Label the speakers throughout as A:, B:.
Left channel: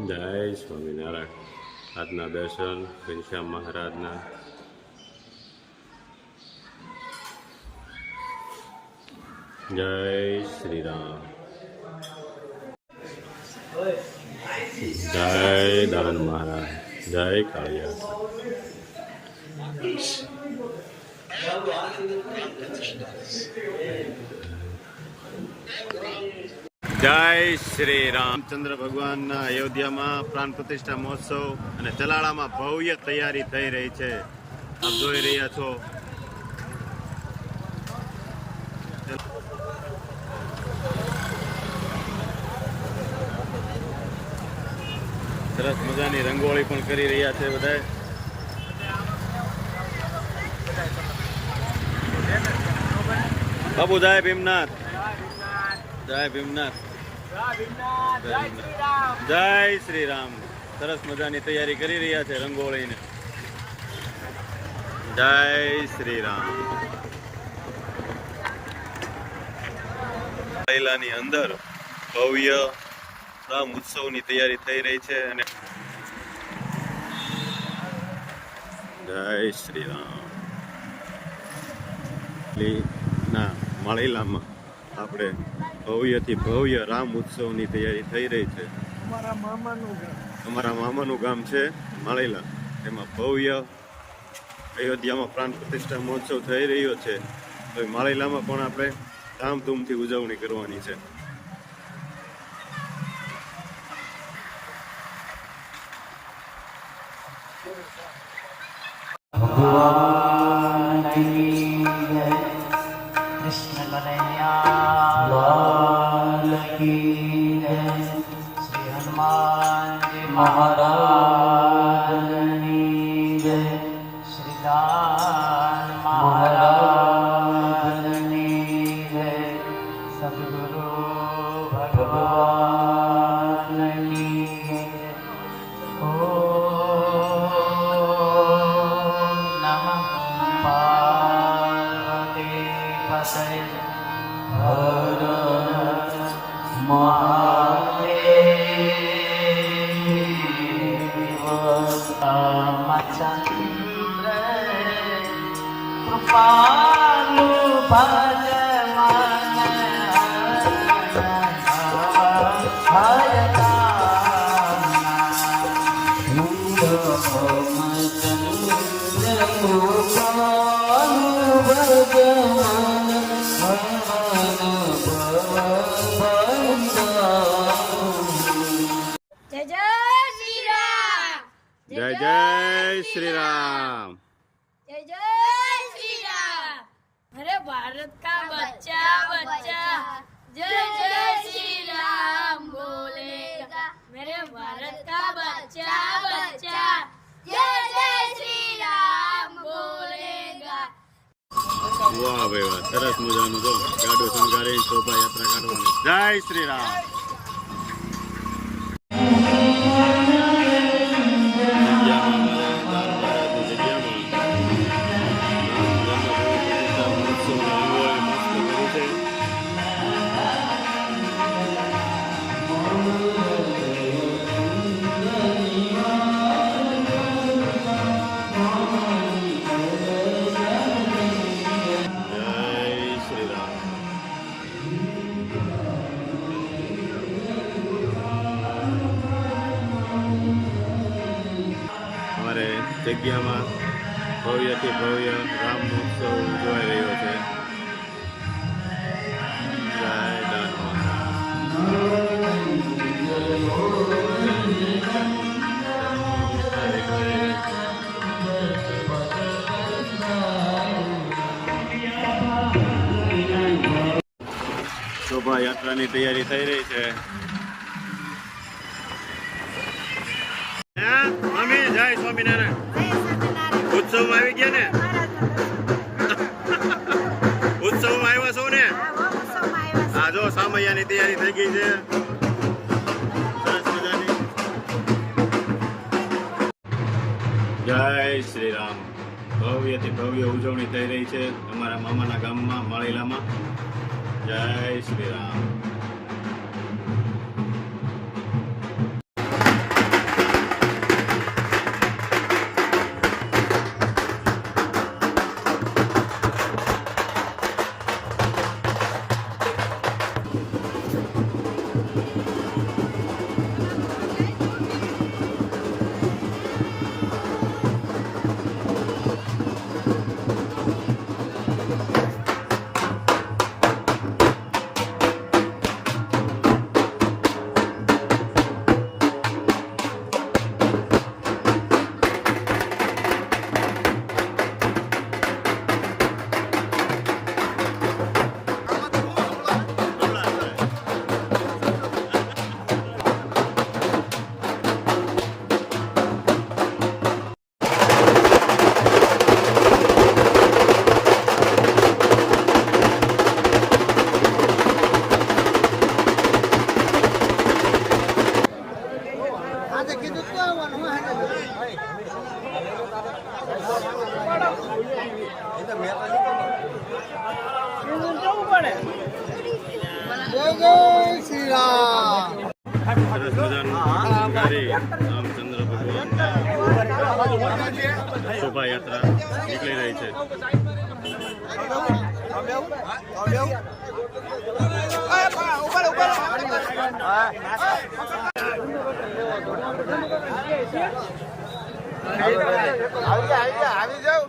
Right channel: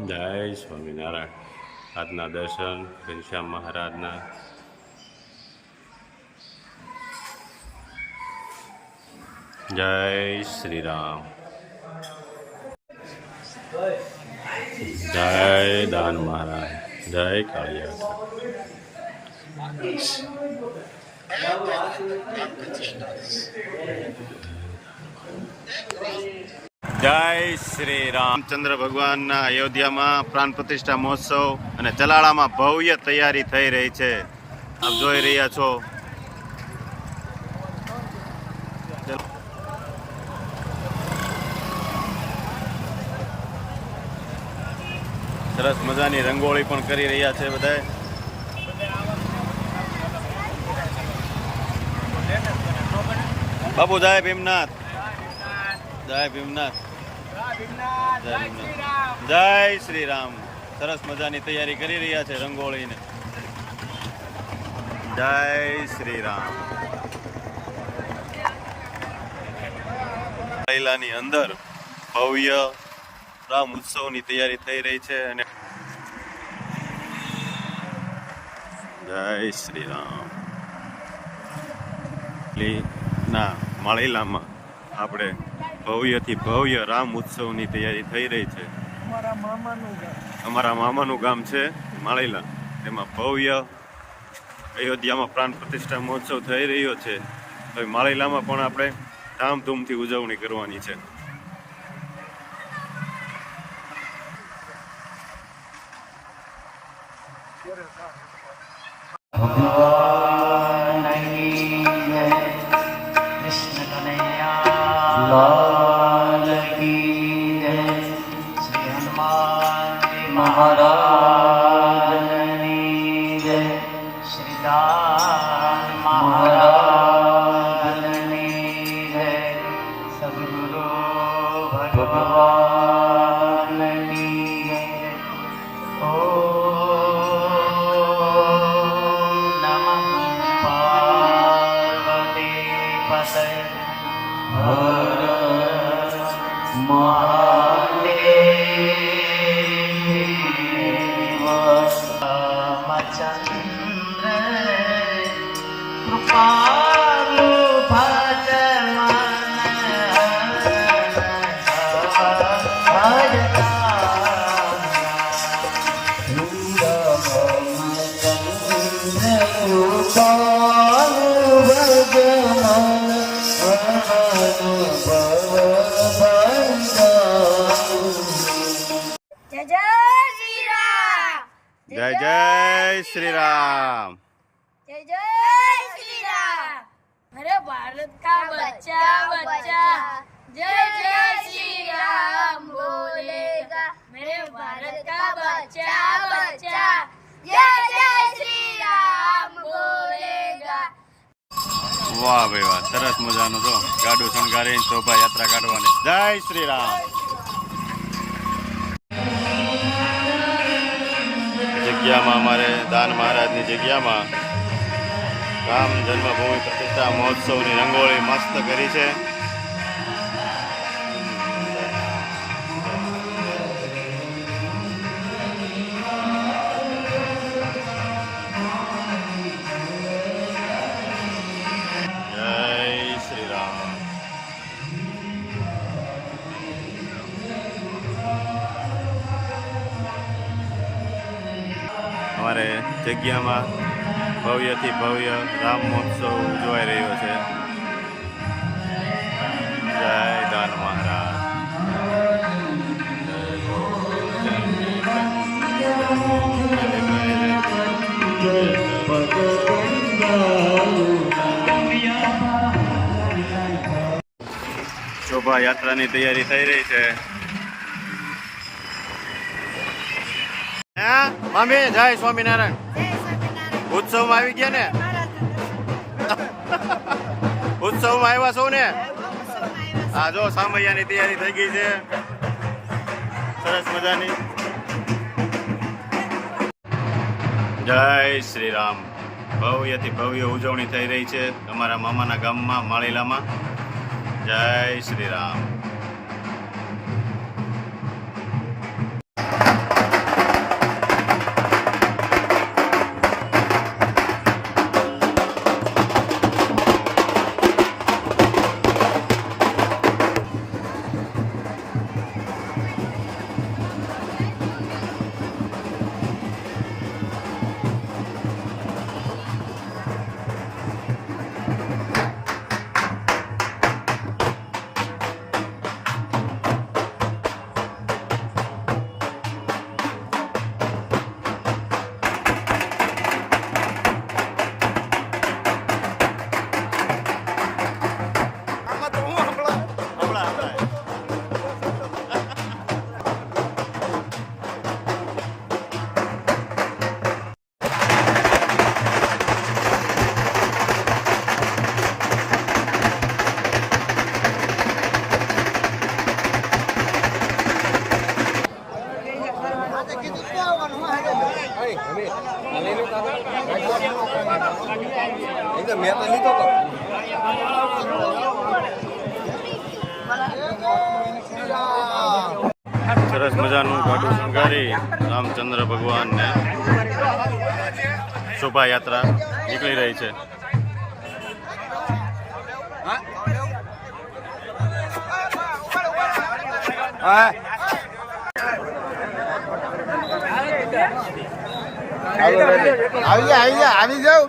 A: જય સ્વામિનારાયણ આજના દર્શન ઘનશ્યામ મહારાજના જય શ્રી રામ જય દાન મહારાજ જય કાળિયા જય શ્રી રામચંદ્ર ભગવાનના અયોધ્યામાં પ્રાણ પ્રતિષ્ઠા મહોત્સવ અને ચલાળામાં ભવ્ય તૈયારી થઈ રહી છે. આપ જોઈ રહ્યા છો. સરસ મજાની રંગોળી પણ કરી રહ્યા છે બધાય બાબુ જય ભીમનાથ. જય ભીમનાથ. જય શ્રી રામ સરસ મજાની તૈયારી કરી રહ્યા છે રંગોળીને. જય શ્રી રામ પહેલાની અંદર ભવ્ય રામ ઉત્સવની તૈયારી થઈ રહી છે અને જય શ્રી રામ ના માળીલામાં આપણે ભવ્યથી ભવ્ય રામ ઉત્સવની તૈયારી થઈ રહી છે. અમારા મામાનું ગામ. ગામ છે માળેલા. એમાં ભવ્ય અયોધ્યામાં પ્રાણ પ્રતિષ્ઠા મહોત્સવ થઈ રહ્યો છે. તો માળેલામાં પણ આપણે ધામધૂમથી ઉજવણી કરવાની છે.
B: ભગવાન કૃષ્ણ जय जय श्री राम
A: જય જય શ્રી રામ
C: जय जय श्री राम मेरे भारत का बच्चा बच्चा जय जय श्री राम बोलेगा मेरे भारत का बच्चा बच्चा जय जय श्री राम बोलेगा
A: વાહ ભાઈ વાહ સરસ મજાનું જો ગાડું શણગારી શોભાયાત્રા કાઢવાની જય શ્રી રામ જગ્યામાં અમારે દાન મહારાજની જગ્યામાં રામ જન્મભૂમિ પ્રતિષ્ઠા મહોત્સવની રંગોળી મસ્ત કરી છે. અમારે જગ્યામાં ભવ્યથી ભવ્ય રામ મહોત્સવ ઉજવાઈ રહ્યો છે. જય દાન મહારાજ. શોભાયાત્રાની તૈયારી થઈ રહી છે. હે? મમ્મી જય સ્વામિનારાયણ. ઉત્સવમાં આવી ગયા ને? ઉત્સવમાં આવ્યા છો ને? હા જો સામૈયાની તૈયારી થઈ ગઈ છે. સરસ મજાની. જય શ્રી રામ ભવ્યથી ભવ્ય ઉજવણી થઈ રહી છે અમારા મામાના ગામમાં માળીલામાં. જય શ્રી રામ સરસ મજાનું પાટું શણગારી રામચંદ્ર ભગવાનને શોભાયાત્રા નીકળી રહી છે.
D: જા આવી જાવ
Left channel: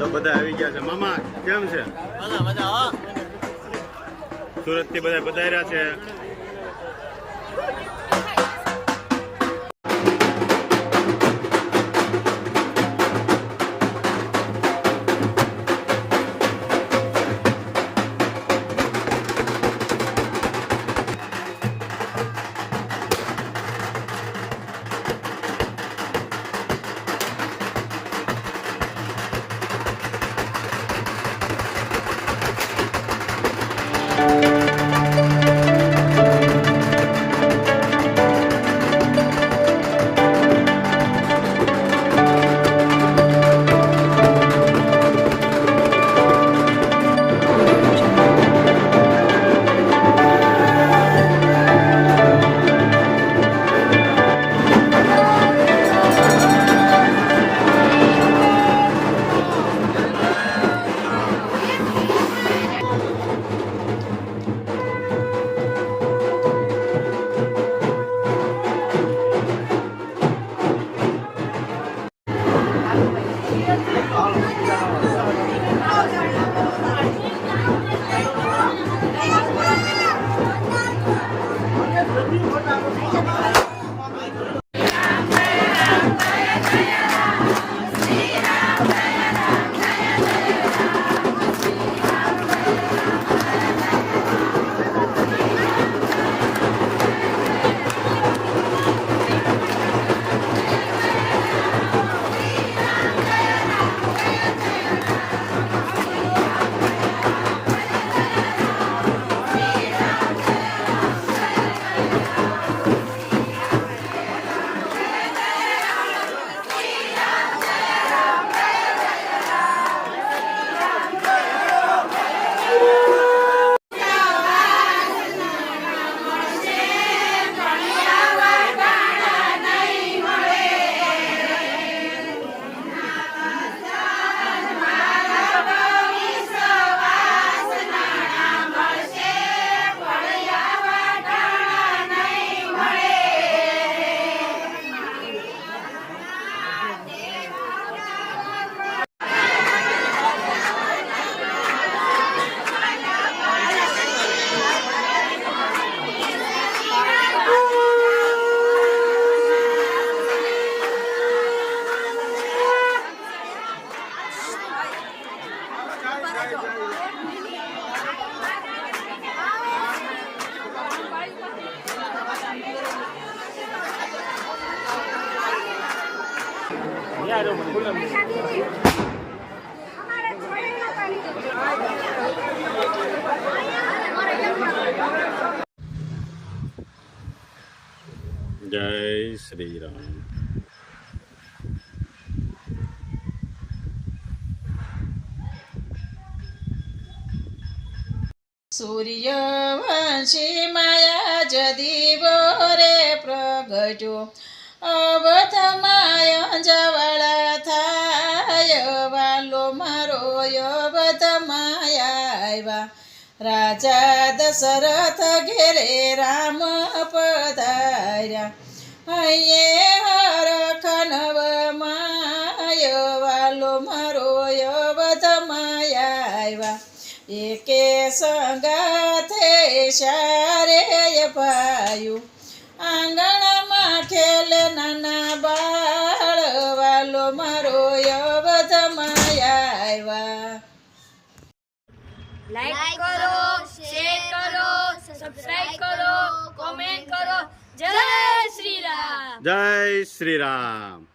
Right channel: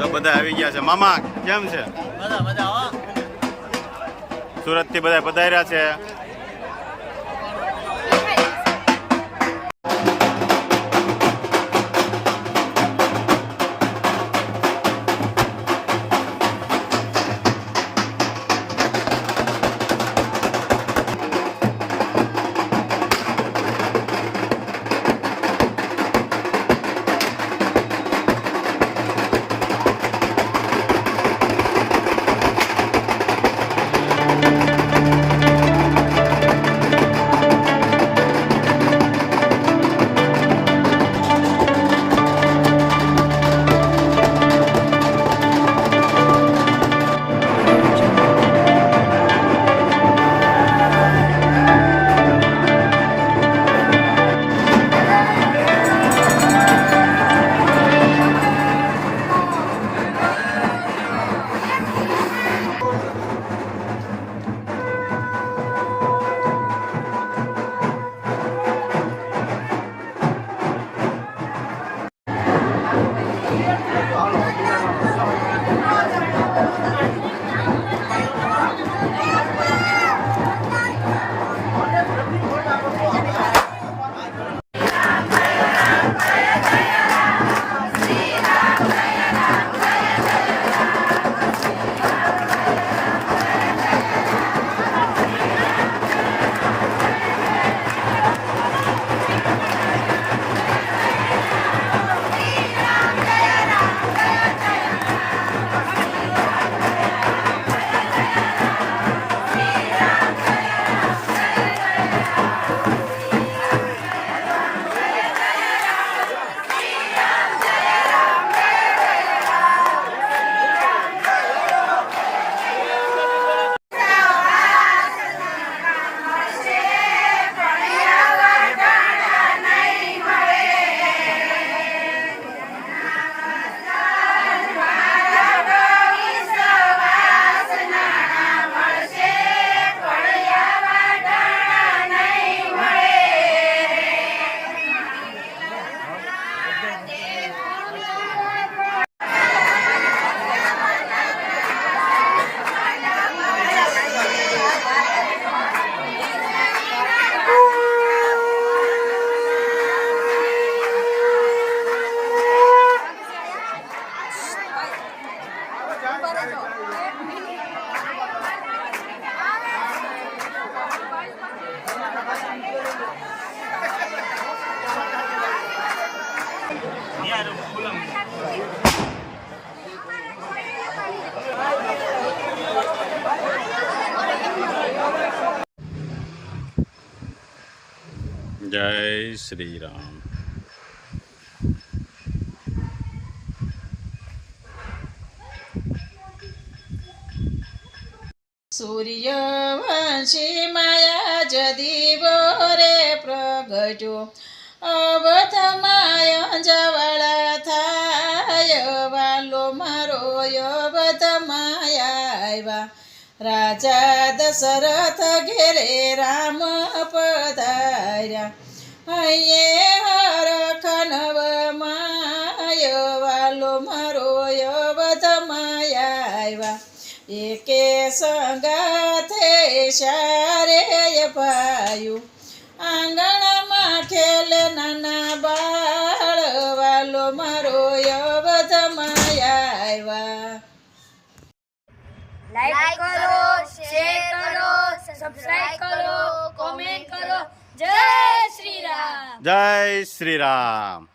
A: તો બધા આવી ગયા છે. મામા કેમ છે?
B: બધા બધા હો
A: સુરતથી બધા પધાર્યા છે. જય શ્રી રામ.
E: સૂર્યવંશી માયા જદીવો રે પ્રગટ્યો. અવધમાય થાય વાલો મારો અવધમાય આવ્યા. રાજા દશરથ ઘેરે રામ પધાર્યા. હૈયે હર નવ માય વાલો મારો અવધમાય આવ્યા. એકે સંગાથે શારે પાયું આંગણમાં ખેલ નાના બાળ વાલો મારો અવધમાં આવ્યા
C: લાઈક કરો શેર કરો સબસ્ક્રાઇબ કરો કોમેન્ટ કરો. જય શ્રી રામ
A: જય શ્રી રામ